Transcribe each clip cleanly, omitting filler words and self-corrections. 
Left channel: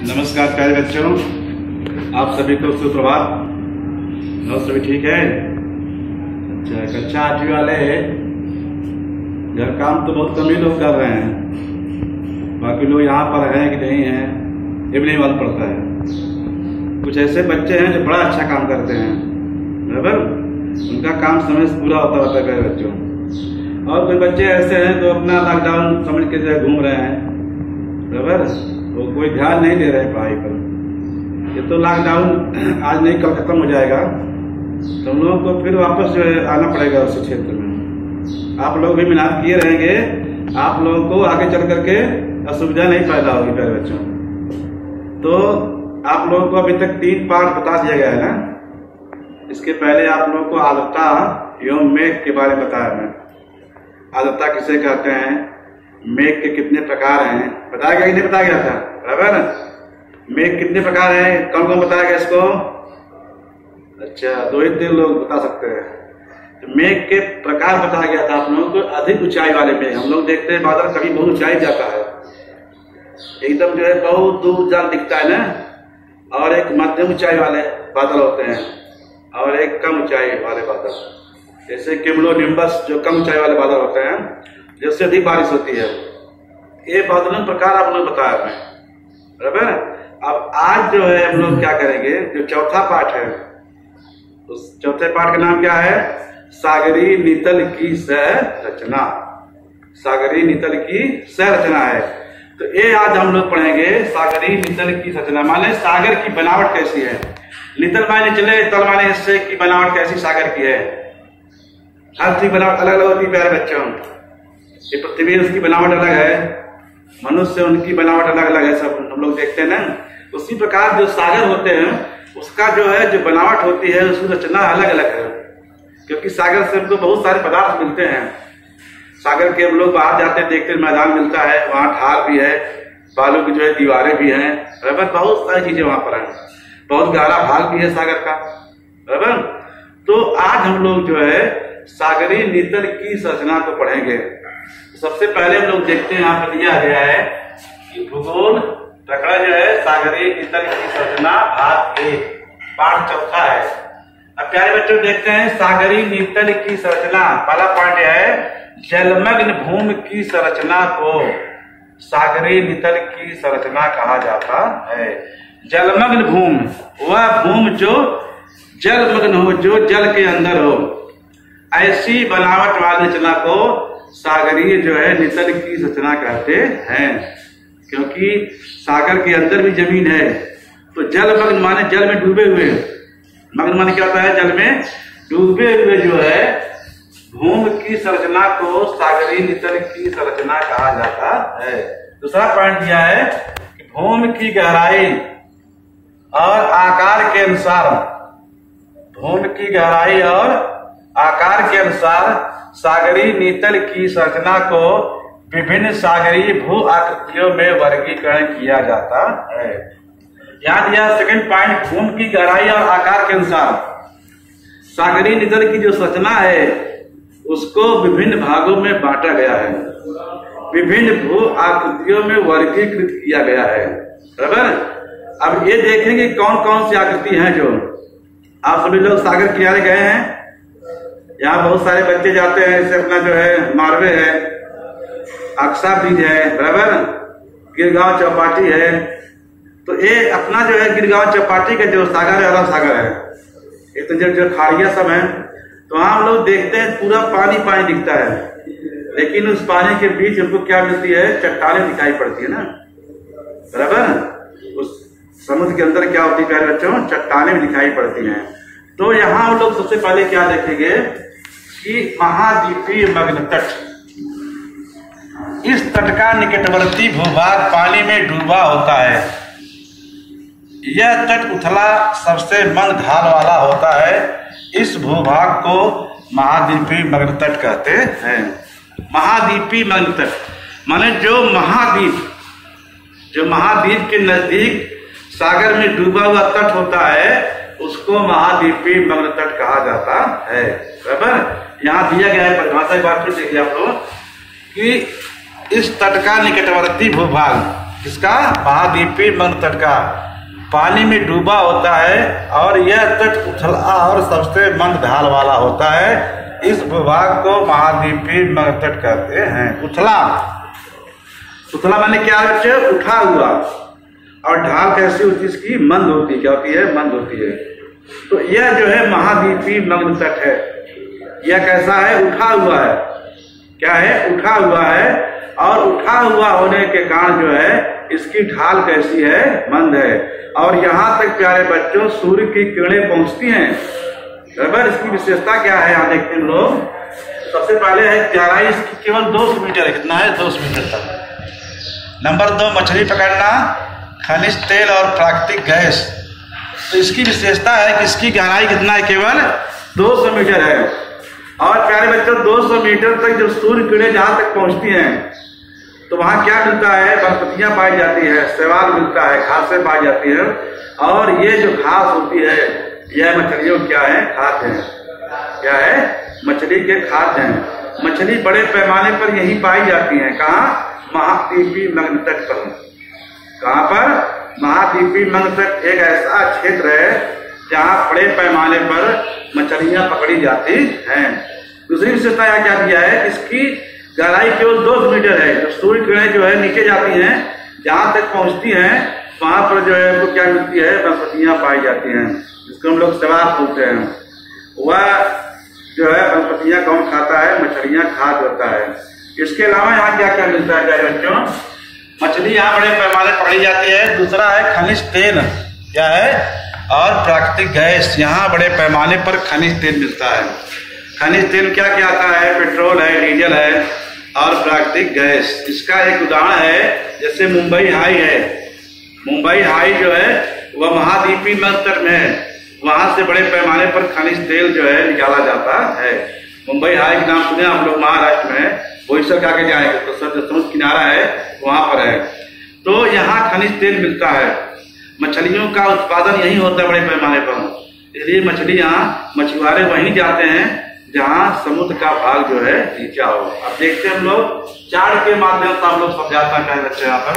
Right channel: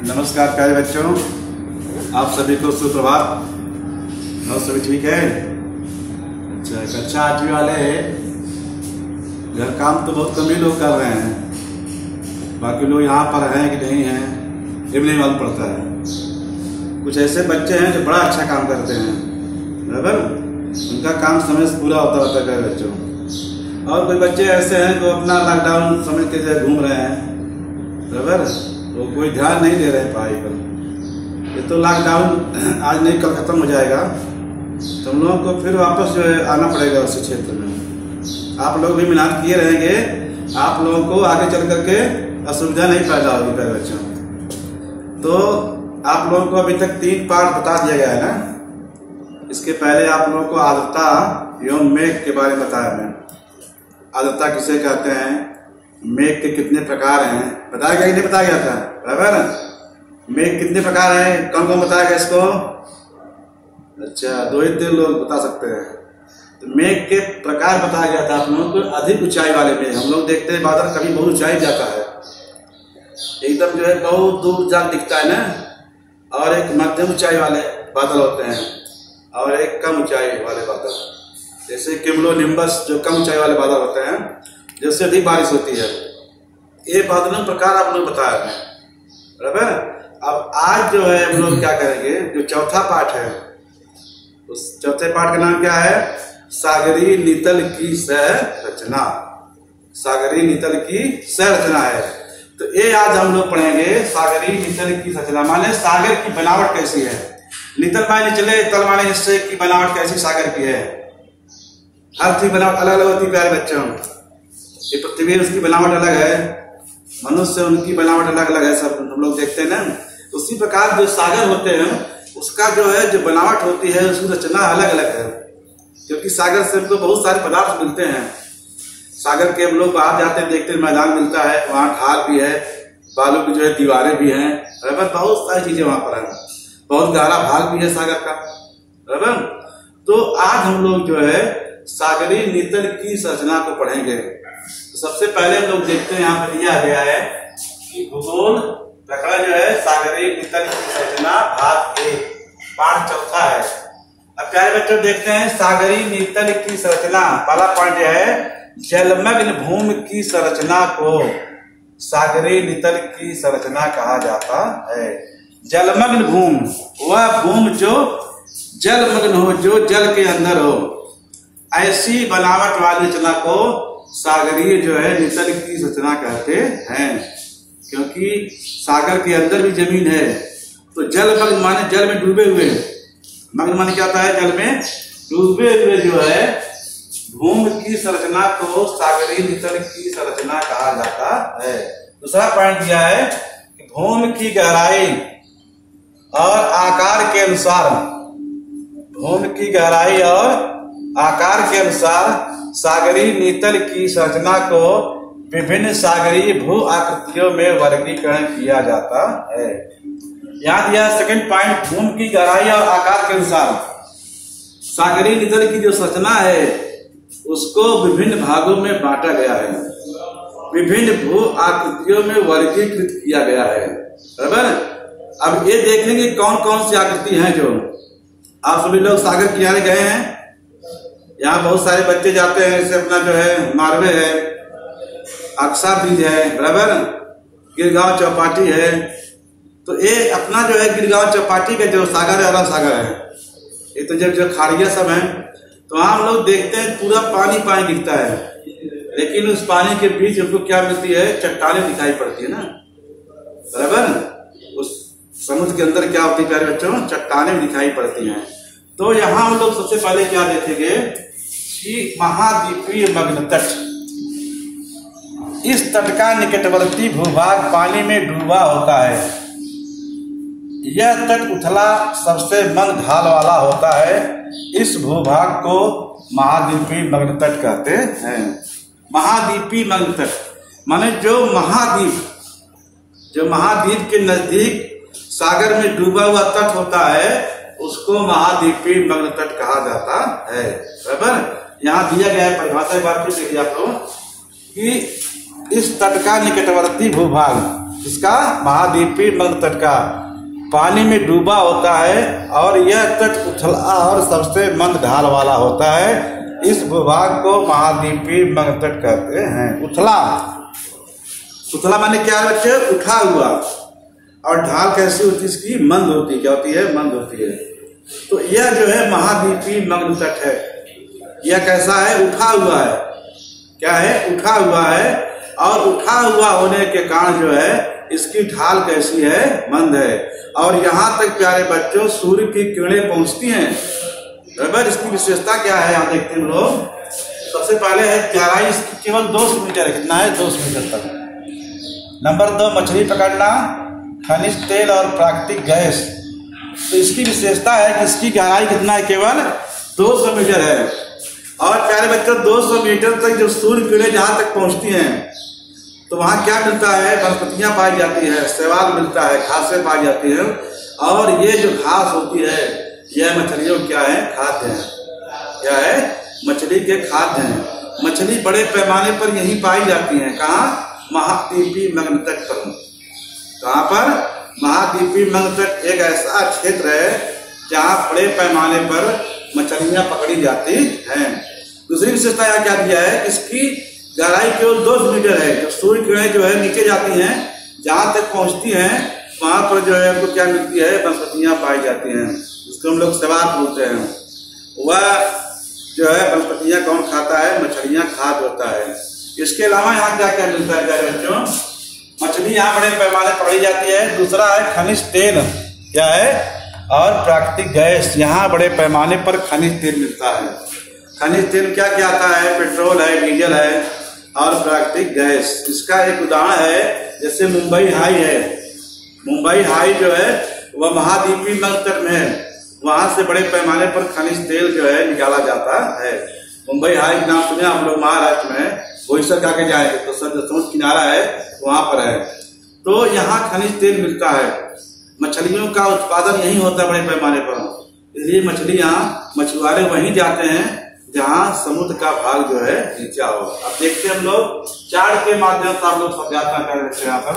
नमस्कार प्यारे बच्चों, आप सभी को सुप्रभात। और सभी ठीक है? अच्छा, कक्षा 8वीं वाले घर काम तो बहुत कम ही लोग कर रहे हैं, बाकी लोग यहाँ पर हैं कि नहीं हैं ये भी नहीं मालूम पड़ता है। कुछ ऐसे बच्चे हैं जो बड़ा अच्छा काम करते हैं, बराबर, उनका काम समय से पूरा होता है प्यारे बच्चों। और कोई बच्चे ऐसे हैं जो अपना लॉकडाउन समझ के जो घूम रहे हैं, बराबर, वो कोई ध्यान नहीं दे रहे पढ़ाई पर। ये तो लॉकडाउन आज नहीं कल खत्म हो जाएगा, तो हम लोगों को फिर वापस जो है आना पड़ेगा उसी क्षेत्र में। आप लोग भी मेहनत किए रहेंगे, आप लोगों को आगे चल करके असुविधा नहीं पैदा होगी प्यारे बच्चों। तो आप लोगों को अभी तक 3 पाठ बता दिया गया है ना। इसके पहले आप लोगों को आर्द्रता एवं मेघ के बारे में बताया मैं। आर्द्रता किसे कहते हैं, मेघ के कितने प्रकार हैं, बताया गया कि नहीं बताया गया था, बराबर ना? मेघ कितने प्रकार हैं, कौन कौन बताया गया इसको? अच्छा, 2-3 लोग बता सकते हैं। तो मेघ के प्रकार बताया गया था आप लोगों को। अधिक ऊंचाई वाले मेघ, हम लोग देखते हैं बादल कभी बहुत ऊंचाई जाता है, एकदम जो है बहुत दूर जान दिखता है ना। और एक मध्यम ऊंचाई वाले बादल होते हैं, और एक कम ऊंचाई वाले बादल, जैसे क्यूमुलोनिम्बस जो कम ऊंचाई वाले बादल होते हैं, जिससे अधिक बारिश होती है। ये बादलों प्रकार आप लोग बताया मैं, बराबर। अब आज जो है हम लोग क्या करेंगे, जो चौथा पाठ है, उस चौथे पाठ का नाम क्या है? सागरी नीतल की संरचना। सागरी नीतल की संरचना है। तो ये आज हम लोग पढ़ेंगे सागरी नीतल की संरचना, माने सागर की बनावट कैसी है। नीतल माने चले, तल माने हिस्से की बनावट कैसी सागर की है। हर चीज बनावट अलग अलग होती है प्यारे बच्चों। ये पृथ्वी उसकी बनावट अलग है, मनुष्य उनकी बनावट अलग अलग है, सब हम लोग देखते हैं ना। उसी प्रकार जो सागर होते हैं उसका जो है जो बनावट होती है उसकी रचना अलग अलग है, क्योंकि सागर से हमको बहुत सारे पदार्थ मिलते हैं। सागर के हम लोग बाहर जाते हैं, देखते हैं मैदान मिलता है, वहाँ ढाल भी है, बालू की जो है दीवारें भी हैं, बराबर, बहुत सारी चीजें वहां पर हैं। बहुत गहरा भाग भी है सागर का, बराबर। तो आज हम लोग जो है सागरी नीतल की संरचना को पढ़ेंगे। सबसे पहले हम लोग देखते हैं, यहाँ पर दिया गया है कि भूगोल प्रकरण जो है सागरीय नीतल की संरचना भाग 1, पाठ चौथा है। अब प्यारे बच्चों देखते हैं सागरीय नीतल की संरचना। पहला पॉइंट है, जलमग्न भूमि की संरचना को सागरीय नीतल की संरचना कहा जाता है। जलमग्न भूमि, वह भूमि जो जलमग्न हो, जो जल के अंदर हो, ऐसी बनावट वाली रचना को सागरीय जो है नीतल की संरचना कहते हैं। क्योंकि सागर के अंदर भी जमीन है, तो जलमग्न माने जल में डूबे हुए, मग्न माने क्या होता है, जल में डूबे हुए जो है भूमि की संरचना को सागरीय नीतल की संरचना कहा जाता है। दूसरा पॉइंट दिया है कि भूमि की गहराई और आकार के अनुसार, भूमि की गहराई और आकार के अनुसार सागरीय नीतल की संरचना को विभिन्न सागरीय भू आकृतियों में वर्गीकरण किया जाता है। यहाँ दिया सेकंड पॉइंट, भूमि की गहराई और आकार के अनुसार सागरीय नीतल की जो संरचना है उसको विभिन्न भागों में बांटा गया है, विभिन्न भू आकृतियों में वर्गीकृत किया गया है, बराबर। अब ये देखेंगे कौन कौन सी आकृति हैं। जो आप सभी लोग सागर किनारे गए हैं, यहाँ बहुत सारे बच्चे जाते हैं, जैसे अपना जो है मारवे है, अक्सा ब्रिज है, बराबर, गिरगांव चौपाटी है। तो ये अपना जो है गिरगांव चौपाटी का जो सागर है, अरब सागर है, ये तो जब जो खाड़िया सब है, तो वहाँ हम लोग देखते हैं पूरा पानी पानी दिखता है, लेकिन उस पानी के बीच हमको क्या मिलती है, चट्टानें दिखाई पड़ती है ना, बराबर। उस समुद्र के अंदर क्या होती है प्यारे बच्चों, चट्टानें दिखाई पड़ती हैं। तो यहाँ हम लोग सबसे पहले क्या देखेंगे कि महाद्वीपीय मग्न तट, इस तट का निकटवर्ती भूभाग पानी में डूबा होता है। यह तट उथला सबसे मंद ढाल वाला होता है। इस भूभाग को महाद्वीपीय मग्न तट कहते हैं। महाद्वीपीय मग्न तट माने जो महाद्वीप के नजदीक सागर में डूबा हुआ तट होता है उसको महाद्वीपीय मग्न तट कहा जाता है, बराबर। यहाँ दिया गया है परिभाषा, एक बार फिर देखिए आप लोग कि इस तट का निकटवर्ती भूभाग, किसका? महाद्वीपीय मंद तट का। पानी में डूबा होता है और यह तट उथला और सबसे मंद ढाल वाला होता है। इस भूभाग को महाद्वीपीय मंद तट कहते हैं। उथला, उथला माने क्या बच्चे? उठा हुआ। और ढाल कैसी होती है इसकी? मंद होती है। क्या होती है? मंद होती है। तो यह जो है महाद्वीपीय मंद तट है। यह कैसा है? उठा हुआ है। क्या है? उठा हुआ है। और उठा हुआ होने के कारण जो है इसकी ढाल कैसी है? मंद है। और यहाँ तक प्यारे बच्चों सूर्य की किरणें पहुंचती हैं। बराबर। इसकी विशेषता क्या है यहाँ देखते हैं लोग। सबसे पहले है गहराई इसकी केवल 200 मीटर है। कितना है? 200 मीटर तक। नंबर 2 मछली पकड़ना, खनिज तेल और प्राकृतिक गैस। तो इसकी विशेषता है कि इसकी गहराई कितना है? केवल 200 मीटर है। और प्यारे बच्चों 200 मीटर तक जो सूर्य किरणें जहाँ तक पहुँचती हैं तो वहाँ क्या मिलता है? वनस्पतियाँ पाई जाती है, शैवाल मिलता है, घासें पाई जाती हैं। और ये जो घास होती है यह मछलियों क्या है? खाद्य है। क्या है? मछली के खाद्य हैं। मछली बड़े पैमाने पर यही पाई जाती हैं। कहाँ? महाद्वीपीय मंद तट पर। कहाँ पर? महाद्वीपीय मंद तट एक ऐसा क्षेत्र है जहाँ बड़े पैमाने पर मछलियाँ पकड़ी जाती हैं। दूसरी विशेषता यहाँ क्या दिया है? इसकी गहराई केवल 200 मीटर है। जो सूर्य किरणें जो है नीचे जाती हैं, जहाँ तक पहुँचती हैं वहाँ पर जो है हमको क्या मिलती है? वनस्पतियाँ पाई जाती हैं, जिसको हम लोग शैवाल बोलते हैं। वह जो है वनस्पतियाँ कौन खाता है? मछलियाँ खाद्य होता है। इसके अलावा यहाँ क्या क्या मिलता है प्यारे बच्चों? मछली यहाँ बड़े पैमाने पकड़ी जाती है। दूसरा है खनिज तेल। क्या है? और प्राकृतिक गैस। यहाँ बड़े पैमाने पर खनिज तेल मिलता है। खनिज तेल क्या क्या आता है? पेट्रोल है, डीजल है और प्राकृतिक गैस। इसका एक उदाहरण है जैसे मुंबई हाई है। मुंबई हाई जो है वह महाद्वीपीय मंद तट में है। वहां से बड़े पैमाने पर खनिज तेल जो है निकाला जाता है। मुंबई हाई का नाम सुने आप लोग? महाराष्ट्र में बोईसर आके जाएंगे तो सर समुद्र किनारा है वहां पर है। तो यहाँ खनिज तेल मिलता है। मछलियों का उत्पादन यही होता है बड़े पैमाने पर। इसलिए मछलियाँ मछुआरे वहीं जाते हैं जहाँ समुद्र का भाग जो है नीचा हो। अब देखते हैं हम लोग चार्ट के माध्यम से आप लोग समझाता है बच्चे। यहाँ पर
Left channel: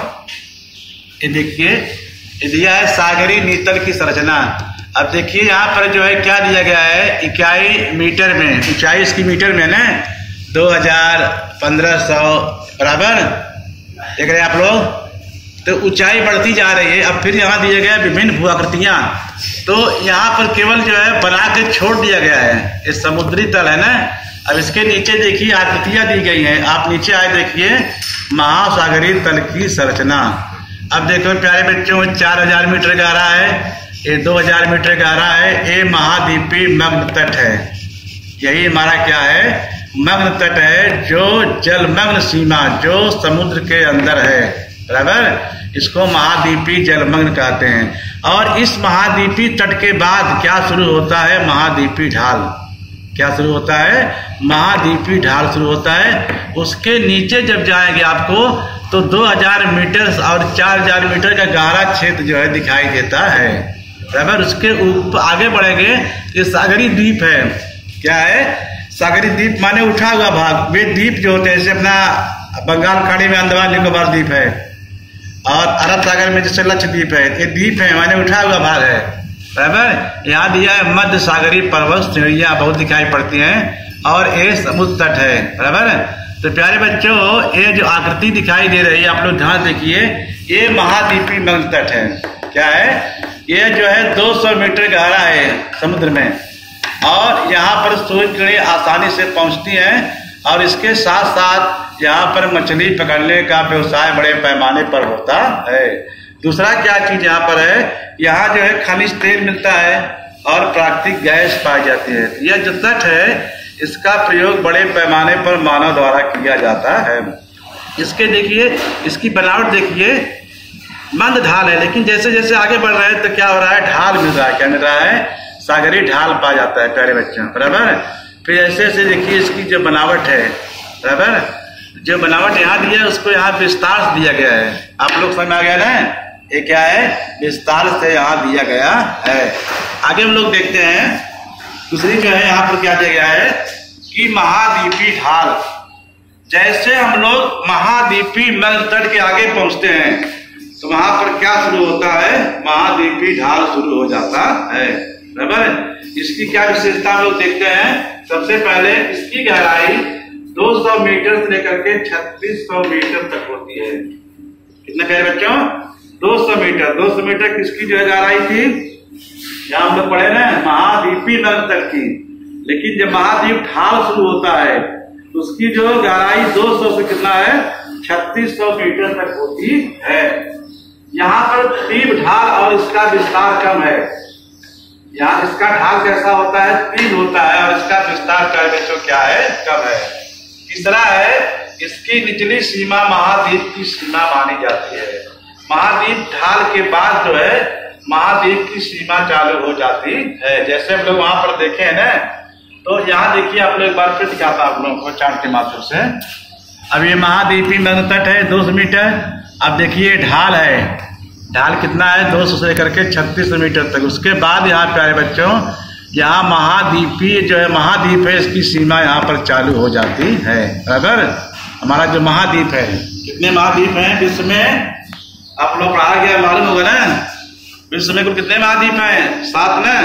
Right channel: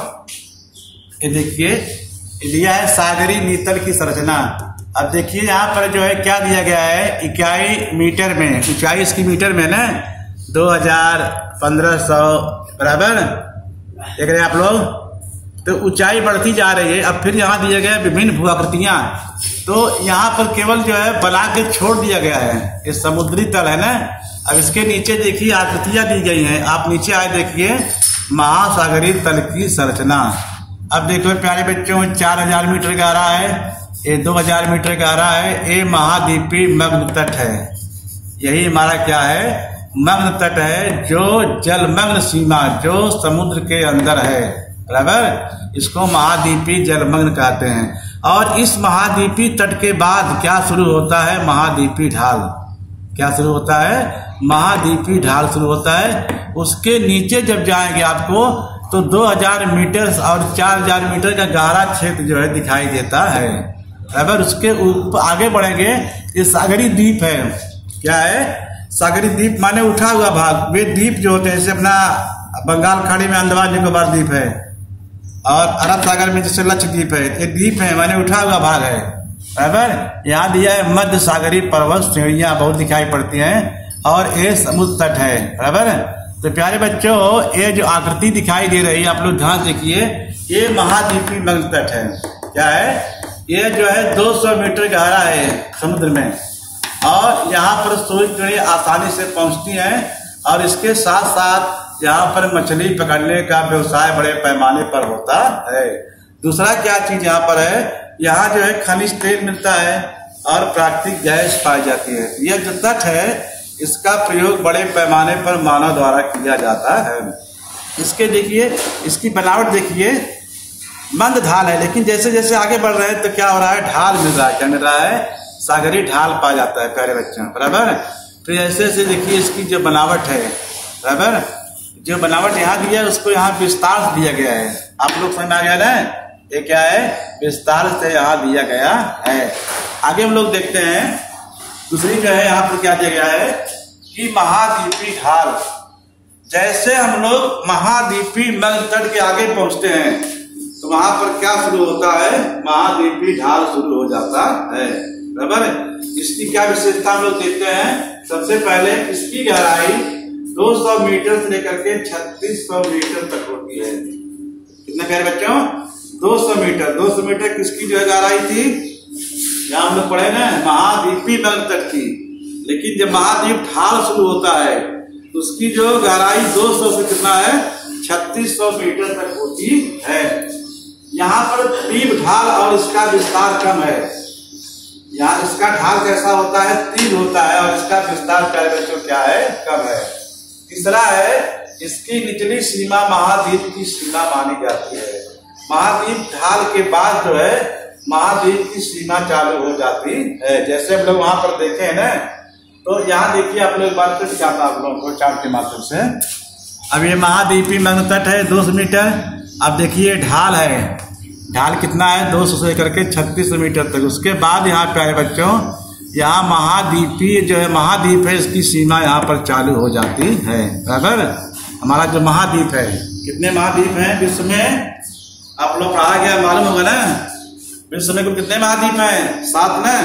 ये देखिए, ये दिया है सागरी नीतल की संरचना। अब देखिए यहाँ पर जो है क्या दिया गया है? इकाई मीटर में। ऊंचाई इसकी मीटर में ना 2000-1500 बराबर देख रहे हैं आप लोग। तो ऊंचाई बढ़ती जा रही है। अब फिर यहाँ दिए गए विभिन्न भूआकृतियाँ। तो यहाँ पर केवल जो है बना के छोड़ दिया गया है। ये समुद्री तल है ना। अब इसके नीचे देखिए आकृतियाँ दी गई हैं। आप नीचे आए देखिए महासागरीय तल की संरचना। अब देखो प्यारे बच्चों 4000 मीटर गहरा है, ये 2000 मीटर गहरा है। ये महाद्वीपीय मंद तट है। यही हमारा क्या है? मंद तट है, जो जलमग्न सीमा, जो समुद्र के अंदर है। बराबर। इसको महाद्वीपीय जलमग्न कहते हैं। और इस महाद्वीपीय तट के बाद क्या शुरू होता है? महाद्वीपीय ढाल। क्या शुरू होता है? महाद्वीपीय ढाल शुरू होता है। उसके नीचे जब जाएंगे आपको तो 2000 मीटर और 4000 मीटर का गहरा क्षेत्र जो है दिखाई देता है। बराबर। उसके ऊपर आगे बढ़ेंगे, ये सागरी द्वीप है। क्या है? सागरी द्वीप माने उठा हुआ भाग। वे द्वीप जो होते हैं जैसे अपना बंगाल खाड़ी में अंडमान निकोबार द्वीप है और अरब सागर में जैसे लक्षद्वीप है। ये द्वीप है माने उठा हुआ भाग है। बराबर। यहाँ दिया है मध्य सागरीय पर्वत श्रेणियाँ बहुत दिखाई पड़ती हैं और ये समुद्र तट है। बराबर। तो प्यारे बच्चों ये जो आकृति दिखाई दे रही है आप लोग ध्यान देखिए, ये महाद्वीपीय मंद तट है। क्या है? ये जो है 200 मीटर गहरा है समुद्र में। और यहाँ पर सूर्य किरणें आसानी से पहुँचती हैं और इसके साथ साथ यहाँ पर मछली पकड़ने का व्यवसाय बड़े पैमाने पर होता है। दूसरा क्या चीज यहाँ पर है? यहाँ जो है खनिज तेल मिलता है और प्राकृतिक गैस पाई जाती है। यह जो तट है इसका प्रयोग बड़े पैमाने पर मानव द्वारा किया जाता है। इसके देखिए, इसकी बनावट देखिए, मंद ढाल है। लेकिन जैसे जैसे आगे बढ़ रहे हैं तो क्या हो रहा है? ढाल मिल रहा है। क्या मिल रहा है? सागरीय ढाल पाया जाता है प्यारे बच्चों। बराबर। फिर ऐसे ऐसे देखिए इसकी जो बनावट है। बराबर। जो बनावट यहाँ दिया है उसको यहाँ विस्तार दिया गया है। आप लोग समझ में आ गया ना? ये क्या है? विस्तार से यहाँ दिया गया है। आगे हम लोग देखते हैं दूसरी जो है यहाँ पर क्या दिया गया है कि महाद्वीपीय ढाल। जैसे हम लोग महाद्वीपीय मंद तट के आगे पहुंचते हैं वहां पर क्या शुरू होता है, महाद्वीपीय ढाल शुरू हो जाता है। बराबर। इसकी क्या विशेषता हम लोग देखते हैं। सबसे पहले इसकी गहराई 200 मीटर से लेकर के 3600 मीटर तक होती है। कितना कह रहे बच्चों, 200 मीटर। 200 मीटर किसकी जो है गहराई थी, यहाँ हम लोग पढ़े ना, महाद्वीपीय मग्न तट की। लेकिन जब महाद्वीप ढाल शुरू होता है तो उसकी जो गहराई 200 से कितना है, 3600 मीटर तक होती है। यहाँ पर तीव्र ढाल और इसका विस्तार कम है। यहाँ इसका ढाल कैसा होता है, तीव्र होता है, और इसका विस्तार क्या है, कम है। तीसरा है, इसकी निचली सीमा महाद्वीप की सीमा मानी जाती है। महाद्वीप ढाल के बाद जो है महाद्वीप की सीमा चालू हो जाती है। जैसे हम लोग वहां पर देखे हैं ना, तो यहाँ देखिए आप लोग एक बार फिर दिखाता आप लोगों को चार्ट के माध्यम से। अब ये महाद्वीपीय मग्न तट है 200 मीटर। अब देखिए ढाल है, ढाल कितना है, 200 से लेकर के 3600 मीटर तक। उसके बाद यहाँ प्यारे बच्चों, यहाँ महाद्वीपीय जो है महाद्वीप है, इसकी सीमा यहाँ पर चालू हो जाती है। बराबर। हमारा जो महाद्वीप है, कितने महाद्वीप हैं विश्व में, आप लोग पढ़ा गया मालूम होगा ना। विश्व में कुल कितने महाद्वीप हैं, 7 ना।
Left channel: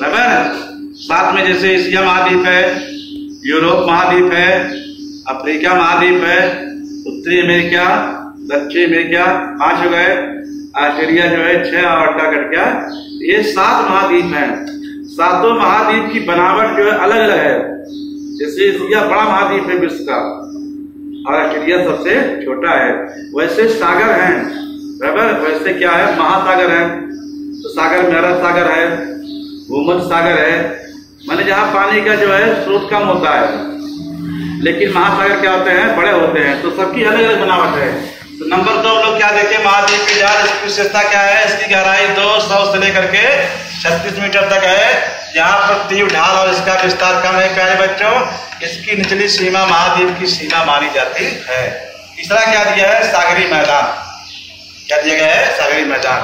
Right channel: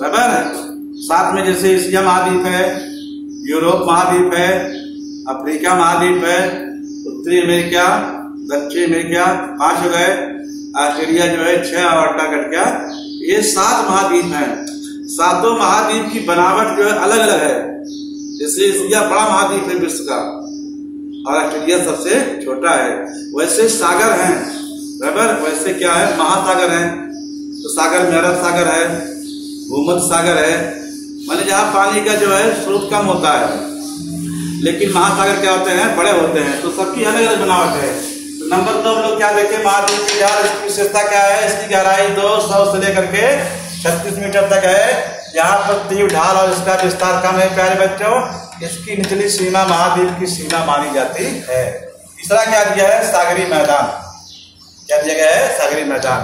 बराबर। 7 में जैसे एशिया महाद्वीप है, यूरोप महाद्वीप है, अफ्रीका महाद्वीप है, उत्तरी अमेरिका, दक्षिण अमेरिका 5 हो गए, ऑस्ट्रेलिया जो है 6 और अंटार्कटिका। ये 7 महाद्वीप हैं। 7 महाद्वीप की बनावट जो है अलग अलग है। जैसे एशिया बड़ा महाद्वीप है विश्व का, और ऑस्ट्रेलिया सबसे छोटा है। वैसे सागर हैं, बराबर। वैसे क्या है, महासागर है। तो सागर में अरब सागर है, भूमध्य सागर है, माने जहाँ पानी का जो है स्रोत कम होता है। लेकिन महासागर क्या होते हैं, बड़े होते हैं। तो सबकी अलग अलग बनावट है। तो नंबर 2 हम लोग क्या देखें, महाद्वीप की ढाल। इसकी विशेषता क्या है, इसकी गहराई 200 से लेकर के 36 मीटर तक है। यहाँ पर तीव्र ढाल और इसका विस्तार कम है प्यारे बच्चों। इसकी निचली सीमा महाद्वीप की सीमा मानी जाती है। तीसरा क्या दिया है, सागरीय मैदान। क्या दिया गया है, सागरीय मैदान।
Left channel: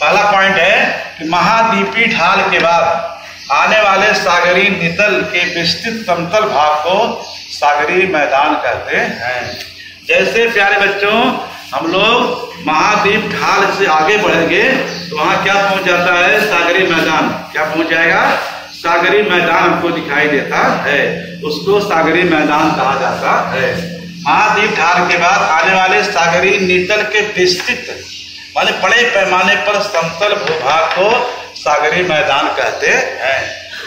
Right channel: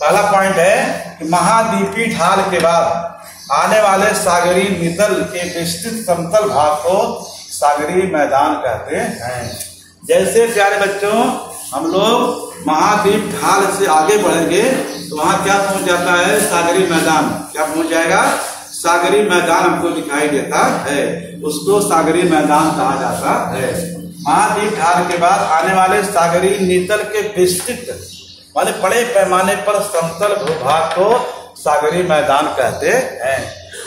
पहला पॉइंट है कि महाद्वीपीय ढाल के बाद आने वाले सागरीय नितल के विस्तृत समतल भाग को सागरीय मैदान कहते हैं। जैसे प्यारे बच्चों हम लोग महाद्वीप ढाल से आगे बढ़ेंगे तो वहां क्या पहुंच जाता है, सागरीय मैदान। क्या पहुंच जाएगा, सागरीय मैदान हमको दिखाई देता है। उसको सागरीय मैदान कहा जाता है। महाद्वीप ढाल के बाद आने वाले सागरीय नितल के विस्तृत माने बड़े पैमाने पर समतल भूभाग को सागरीय मैदान कहते हैं।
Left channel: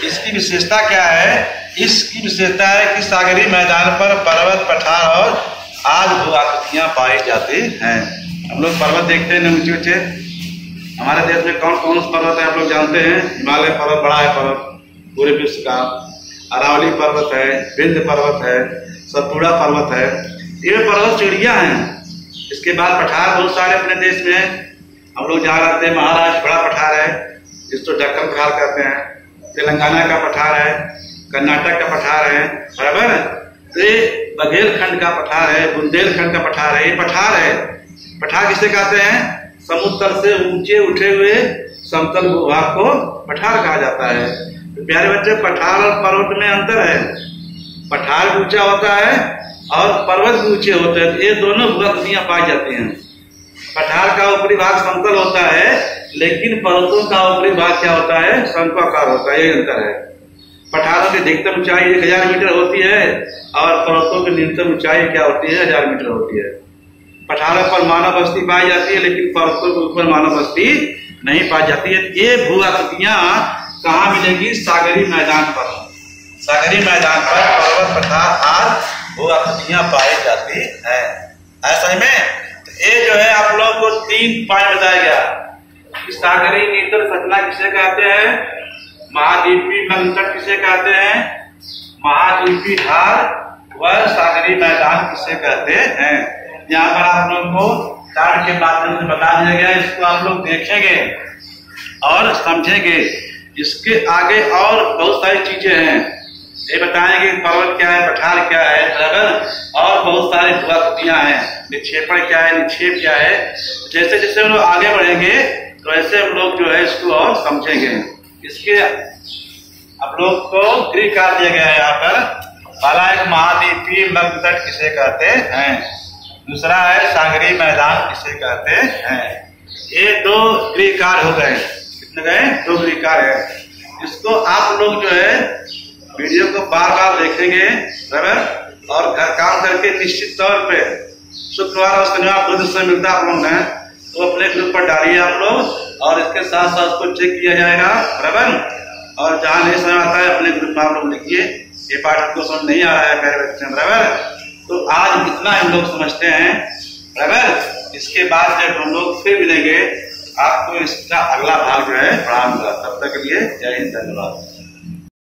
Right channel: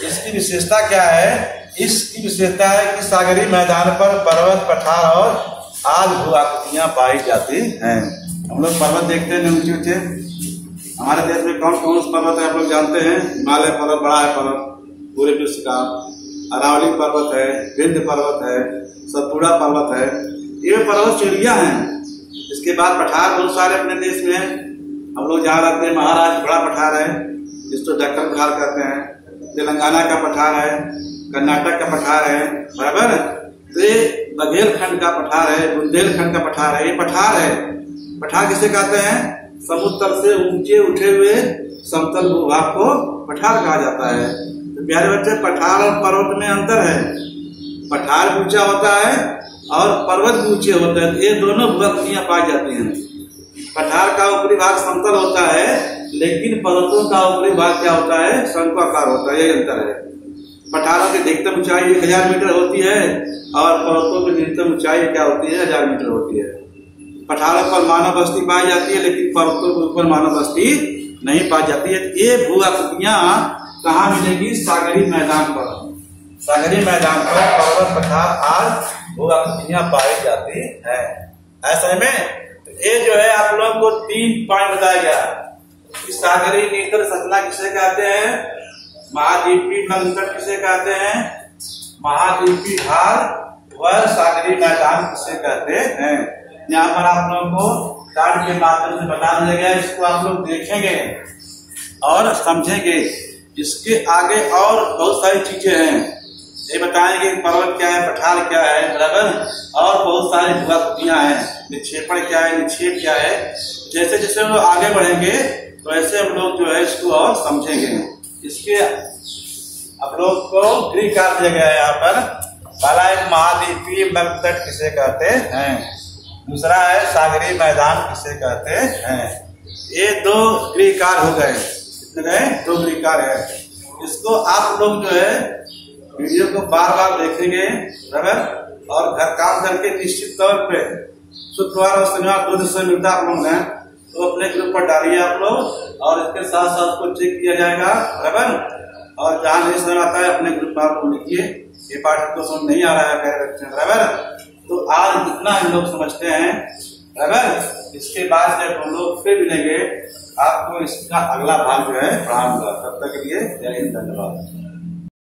इसकी विशेषता क्या है, इसकी विशेषता है कि सागरीय मैदान पर पर्वत, पठार और आज भू-आकृतियां पाई जाती हैं। हम लोग पर्वत देखते हैं ऊंचे ऊंचे। हमारे देश में कौन कौन से पर्वत है आप लोग जानते हैं। हिमालय पर्वत बड़ा है पर्वत पूरे विश्व का, अरावली पर्वत है, विंध्य पर्वत है, सतपुड़ा पर्वत है। ये पर्वत चिड़िया हैं। इसके बाद पठार बहुत सारे अपने देश में हैं। हम लोग जहाँ रहते हैं महाराष्ट्र बड़ा पठार है, जिसको दक्कन पठार कहते हैं। तेलंगाना का पठार है, कर्नाटक का पठार है, बराबर। तो ये बघेलखंड का पठार है, बुंदेलखंड का पठार है। ये पठार है। पठार किसे कहते हैं, समुद्र तल से ऊंचे उठे हुए समतल भूभाग को पठार कहा जाता है। तो प्यारे बच्चे, पठार और पर्वत में अंतर है। पठार भी ऊंचा होता है और पर्वत भी ऊंचे होते हैं। ये दोनों भू-आकृतियां पाई जाती हैं। पठार का ऊपरी भाग समतल होता है, लेकिन पर्वतों का ऊपरी भाग क्या होता है, शंक्वाकार होता है। ये अंतर है। पठारों की अधिकतम ऊंचाई 1000 मीटर होती है और पर्वतों की न्यूनतम ऊंचाई क्या होती है, 1000 मीटर होती है। पठारों पर मानव बस्ती पाई जाती है, लेकिन पर्वतों के ऊपर मानव बस्ती नहीं पाई जाती है। ये भू-आकृतियां कहाँ मिलेगी, सागरीय मैदान पर। सागरीय मैदान पर पर्वत, पठार आदि भू-आकृतियां पाई जाती है। ऐसा में तो ये जो है आप लोग को 3 पॉइंट बताया गया कि सागरीय नितल संरचना किसे कहते हैं, महाद्वीपीय मग्न तट किसे कहते हैं, महाद्वीपीय ढाल व सागरीय मैदान किसे कहते हैं। यहाँ पर आप लोगों को चार्ट के माध्यम से बता दिया गया। इसको आप लोग देखेंगे और समझेंगे। इसके आगे और बहुत सारी चीजें हैं। ये बताएंगे पर्वत क्या है, पठार क्या है, बराबर, और बहुत सारी भू-आकृतियां हैं। निक्षेपण क्या है, निक्षेप क्या है। जैसे जैसे हम लोग आगे बढ़ेंगे तो ऐसे हम लोग जो है इसको और समझेंगे। इसके आप लोग को ग्रीक का दिया गया है यहाँ पर। पहला एक महाद्वीपीय मग्न तट किसे कहते हैं। दूसरा है सागरी मैदान किसे कहते हैं। ये 2 गृह कार्य हो गए। कितने गए? 2 गृह कार्य है। इसको आप लोग जो है वीडियो को बार बार देखेंगे बराबर, और घर काम करके निश्चित तौर पे शुक्रवार और शनिवार 2 दिन समय मिलता है आप लोग ने, तो अपने ग्रुप पर डालिए आप लोग, और इसके साथ साथ उसको चेक किया जाएगा बराबर। और जहाँ नहीं समझ आता है अपने ग्रुप में आप लोग लिखिए ये पाठ आपको समझ नहीं आ रहा है प्यारे बच्चे बराबर। तो आज इतना हम लोग समझते हैं बराबर। इसके बाद जब हम लोग फिर मिलेंगे आपको इसका अगला भाग जो है पढ़ाऊंगा। तब तक के लिए जय हिंद, धन्यवाद।